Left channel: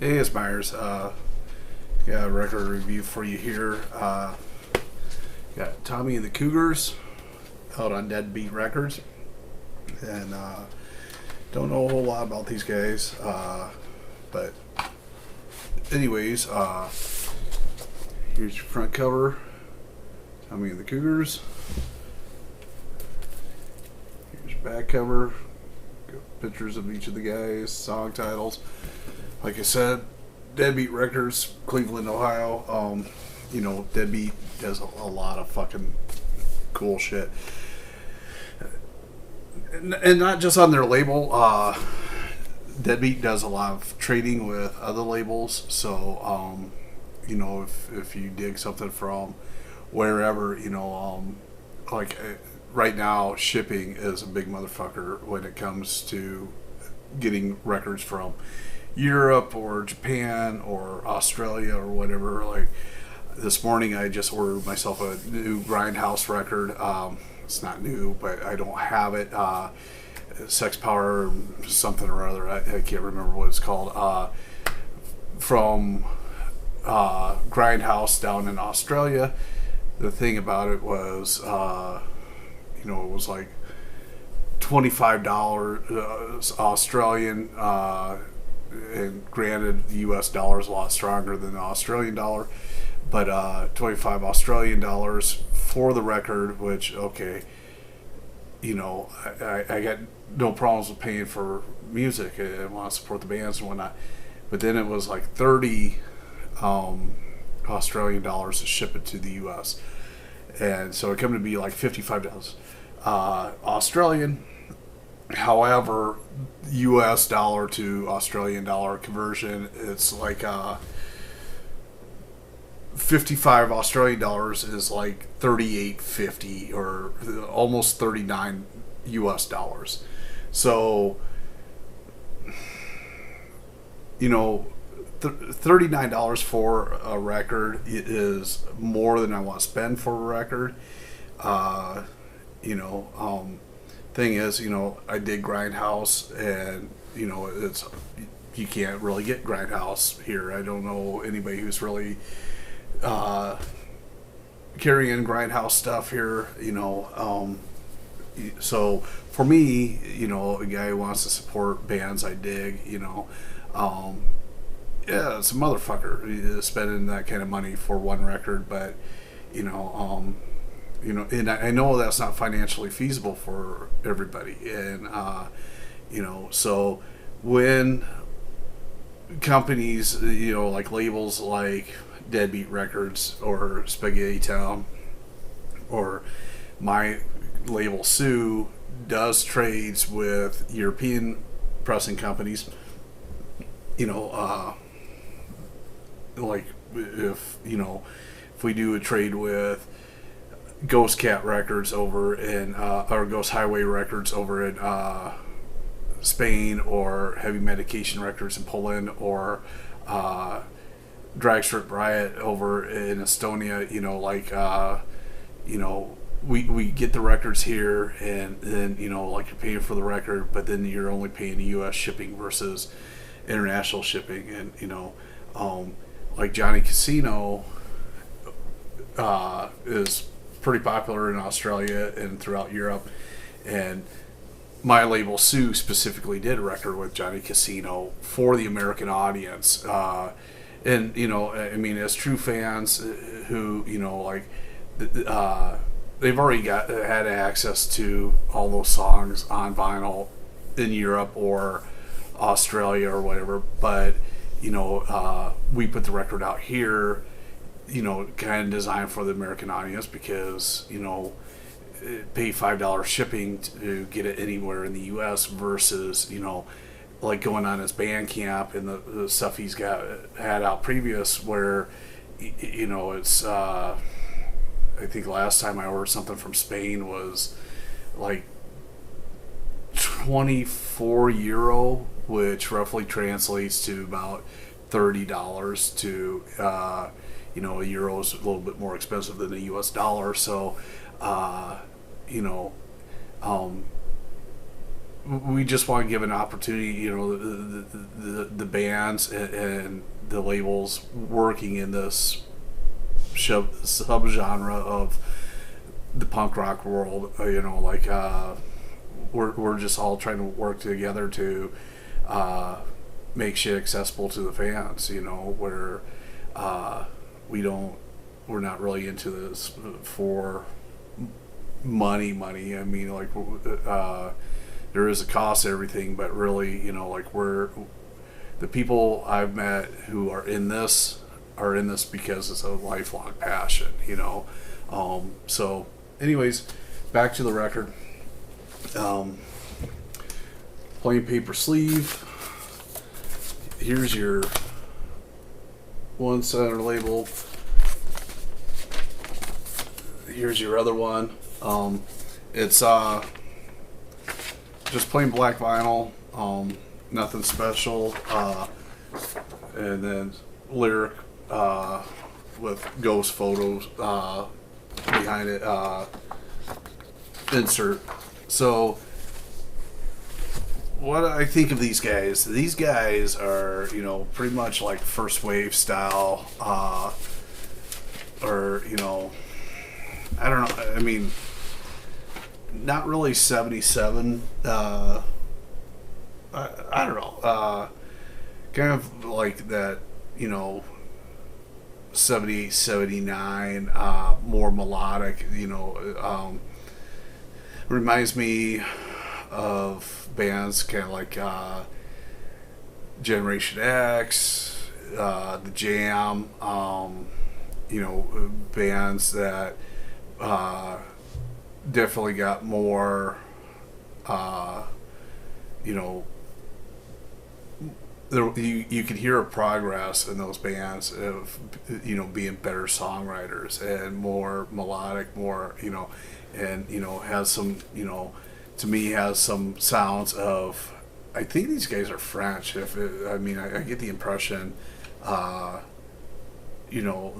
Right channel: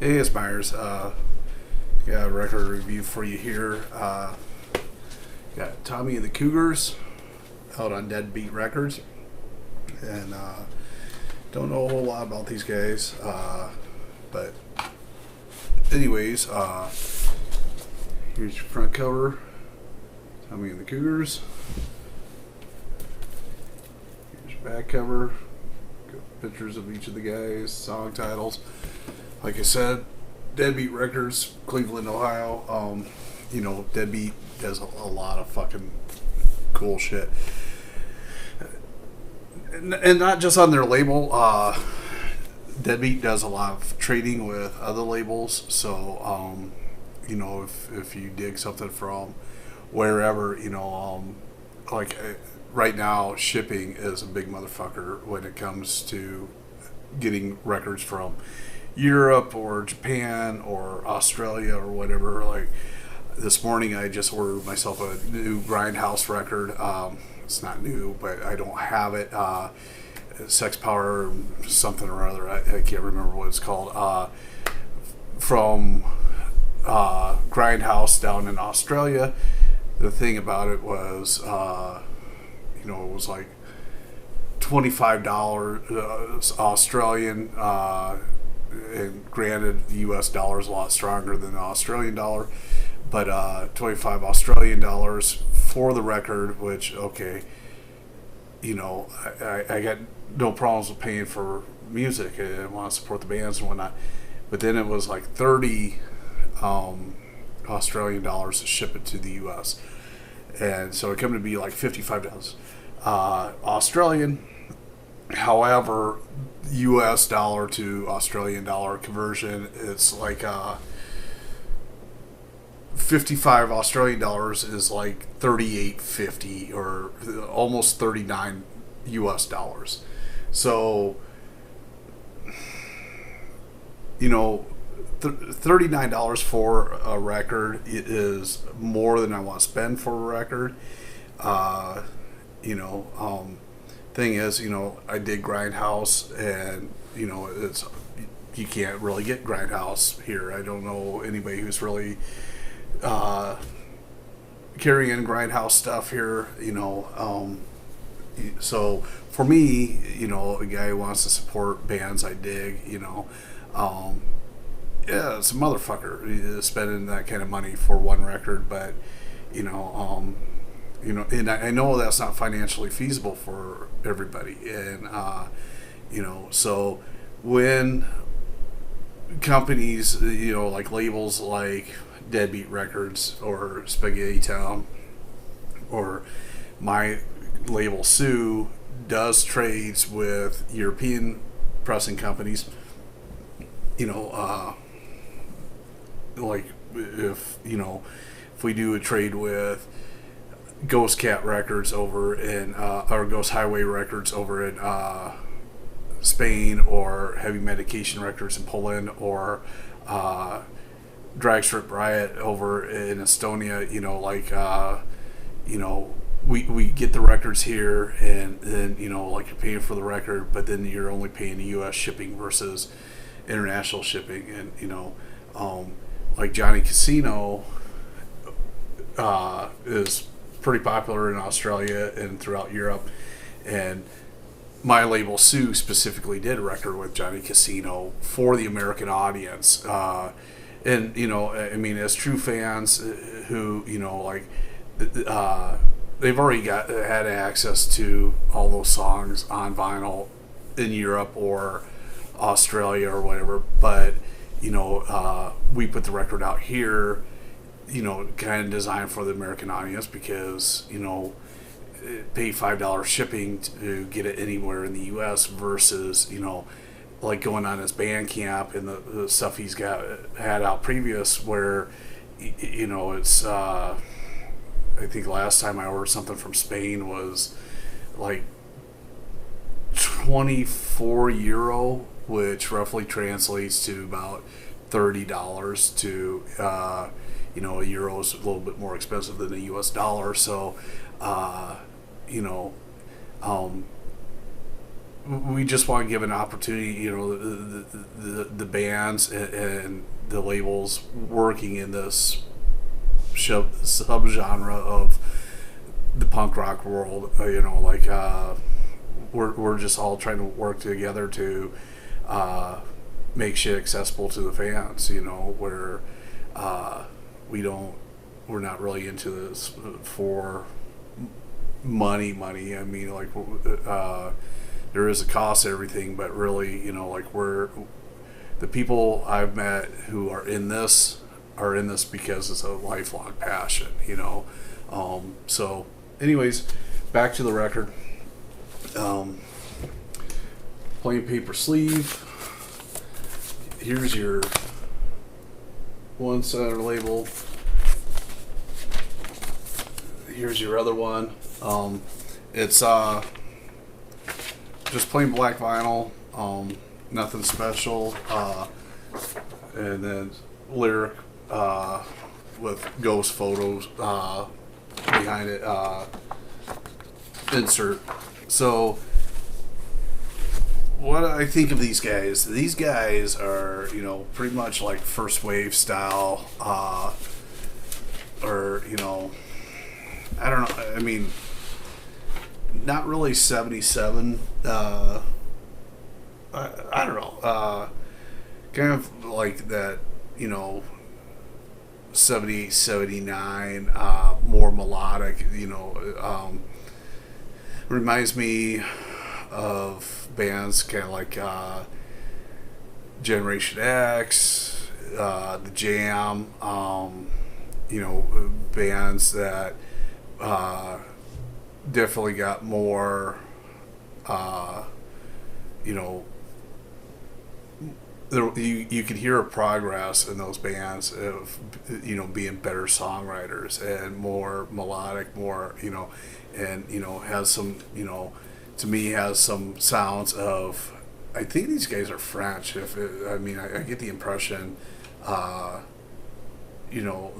Hey, it's Myers. Got a record review for you here. Got Tomy The Cougars out on Deadbeat Records. And don't know a whole lot about these guys. But anyways, here's your front cover. Tomy and the Cougars. Here's your back cover. Got pictures of each of the guys, song titles. Like I said, Deadbeat Records, Cleveland, Ohio. Deadbeat does a lot of fucking cool shit. And not just on their label. Deadbeat does a lot of trading with other labels. So, if you dig something from wherever, right now, shipping is a big motherfucker when it comes to getting records from Europe or Japan or Australia or whatever. Like this morning, I just ordered myself a new Grindhouse record. It's not new, but I don't have it. Sex Power something or other. I can't remember what it's called. From Grindhouse down in Australia. The thing about it was, it was like $25 Australian. And granted, the U.S. dollar is a lot stronger than the Australian dollar, but 25 Australian dollars for the record, which, okay, I got no problems with paying for music. I want to support the bands and whatnot, but then it was like 30 Australian dollars to ship it to the U.S., and so it came to be like $55 Australian. However, U.S. dollar to Australian dollar conversion, it's like 55 Australian dollars is like 38.50 or almost 39 U.S. dollars. So, $39 for a record is more than I want to spend for a record. Thing is, I did Grindhouse, and it's you can't really get Grindhouse here. I don't know anybody who's really carrying Grindhouse stuff here. So for me, a guy who wants to support bands I dig, yeah, it's a motherfucker spending that kind of money for one record, but and I know that's not financially feasible for everybody. And, so when companies, like labels like Deadbeat Records or Spaghetti Town or my label Sioux does trades with European pressing companies, like if we do a trade with Ghost Cat Records over in or Ghost Highway Records over in Spain, or Heavy Medication Records in Poland, or Drag Strip Riot over in Estonia, we get the records here, and then you're paying for the record, but then you're only paying the U.S. shipping versus international shipping. And like Johnny Casino is pretty popular in Australia and throughout Europe, and my label Sioux specifically did a record with Johnny Casino for the American audience, and as true fans who they've already had access to all those songs on vinyl in Europe or Australia or whatever, but we put the record out here, kind of designed for the American audience, because, pay $5 shipping to get it anywhere in the U.S. versus, like going on his Bandcamp and the stuff he's had out previous, where, it's, I think last time I ordered something from Spain was like 24 euro, which roughly translates to about $30 to, a euro is a little bit more expensive than the U.S. dollar. So, we just want to give an opportunity, you know, the bands and the labels working in this subgenre of the punk rock world, you know, like we're just all trying to work together to make shit accessible to the fans, you know, where we're not really into this for money. I mean, like there is a cost to everything, but really, you know, like the people I've met who are in this because it's a lifelong passion, you know. So anyways, back to the record. Plain paper sleeve. Here's your one center label. Here's your other one. It's just plain black vinyl. Nothing special. And then lyric with ghost photos behind it. Insert. So what I think of these guys are, you know, pretty much like first wave style, or, you know, I don't know, I mean, not really 77, I don't know, kind of like that, you know, 78, 79, more melodic, you know, reminds me of bands kind of like Generation X, The Jam, you know, bands that definitely got more, you know, you could hear a progress in those bands of, you know, being better songwriters and more melodic, more, you know, and, you know, has some, you know, to me has some sounds of, I think these guys are French. I mean, I get the impression, you know,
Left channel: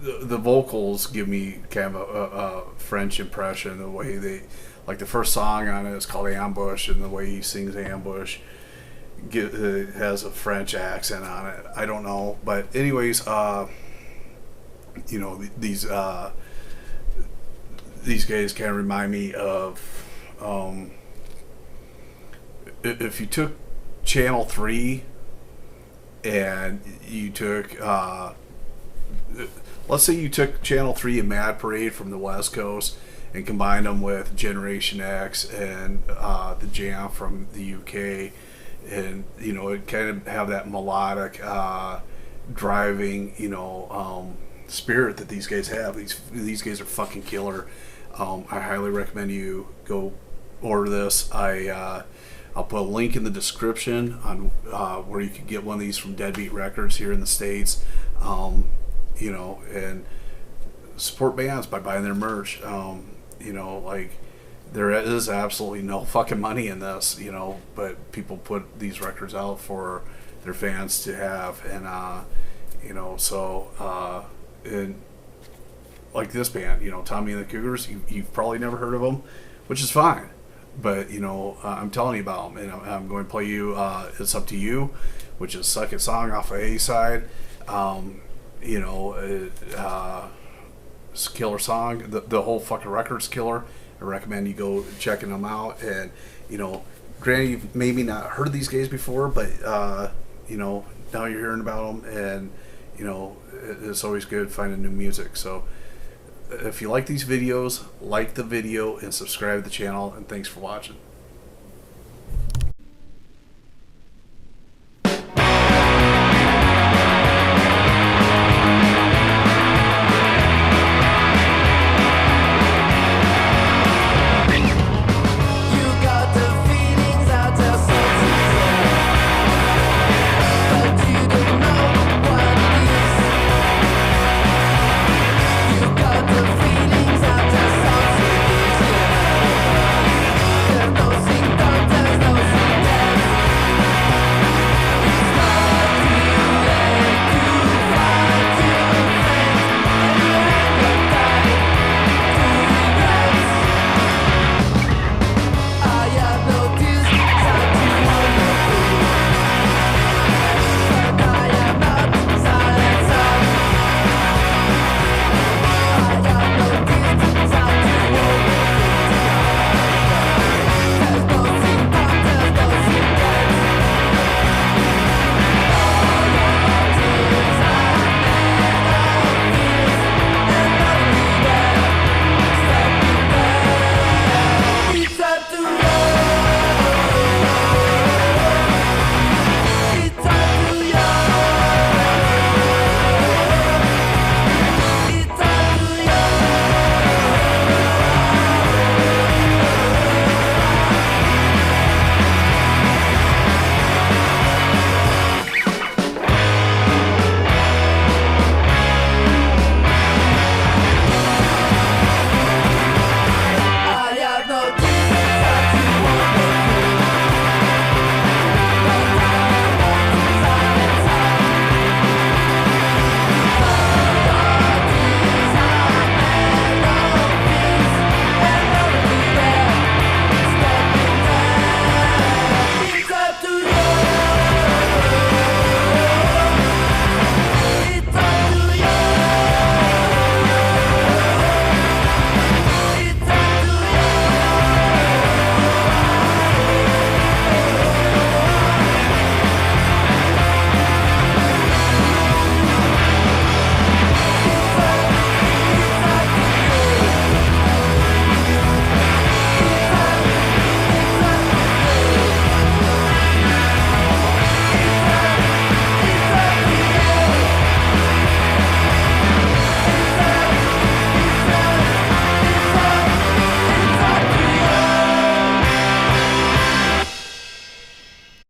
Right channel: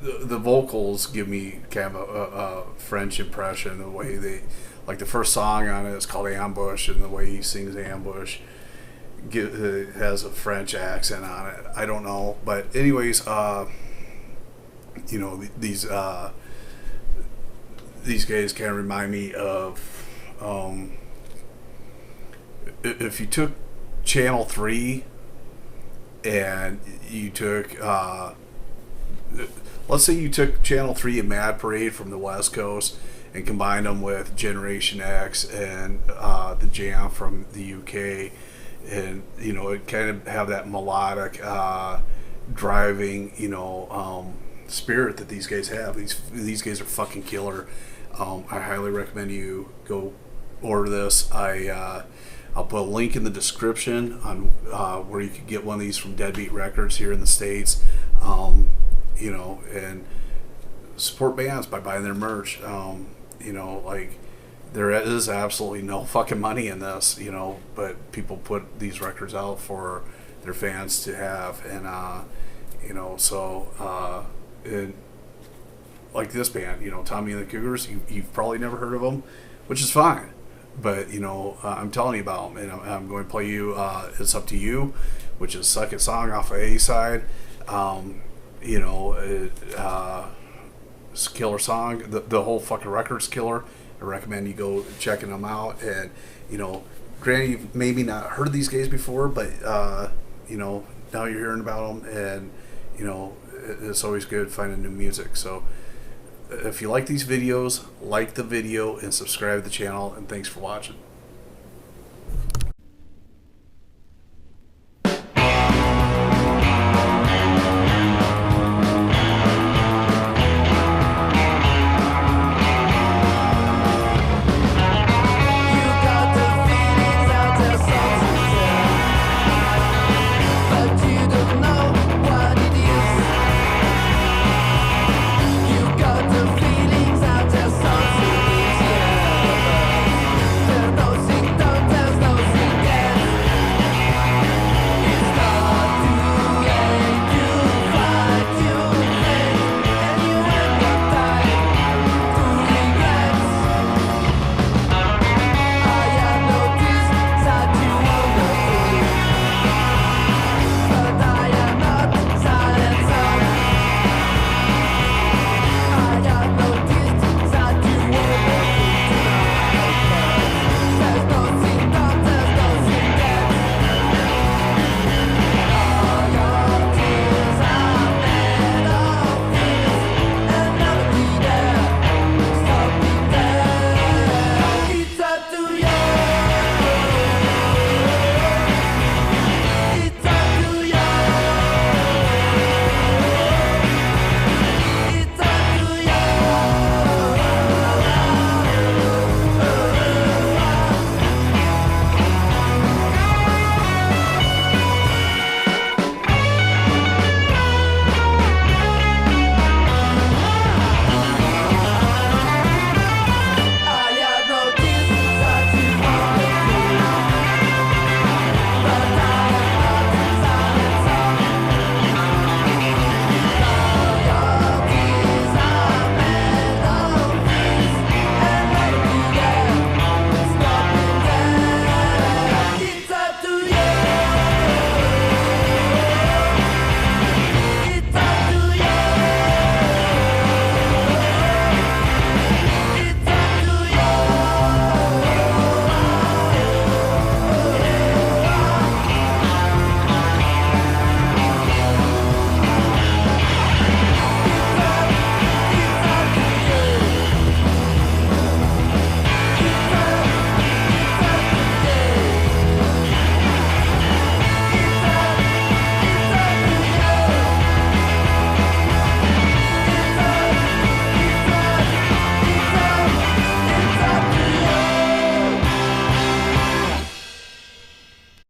the vocals give me kind of a French impression. The way they, like the first song on it is called Ambush, and the way he sings Ambush has a French accent on it. I don't know, but anyways, you know, these guys kind of remind me of, if you took Channel 3 and you took, let's say you took Channel 3 and Mad Parade from the West Coast and combined them with Generation X and the Jam from the UK, and, you know, it kind of have that melodic, driving, you know, spirit that these guys have. These guys are fucking killer. I highly recommend you go order this. I'll put a link in the description on where you can get one of these from Deadbeat Records here in the States. You know, and support bands by buying their merch. You know, like, there is absolutely no fucking money in this, you know, but people put these records out for their fans to have, and you know, so and like this band, you know, Tomy The Cougars, you've probably never heard of them, which is fine, but, you know, I'm telling you about them, and I'm going to play you It's Up to You, which is second song off of A side. You know, it's a killer song. The whole fucking record's killer. I recommend you go checking them out. And, you know, granted, you've maybe not heard of these guys before, but you know, now you're hearing about them, and, you know, it's always good finding new music. So if you like these videos, like the video and subscribe to the channel, and thanks for watching.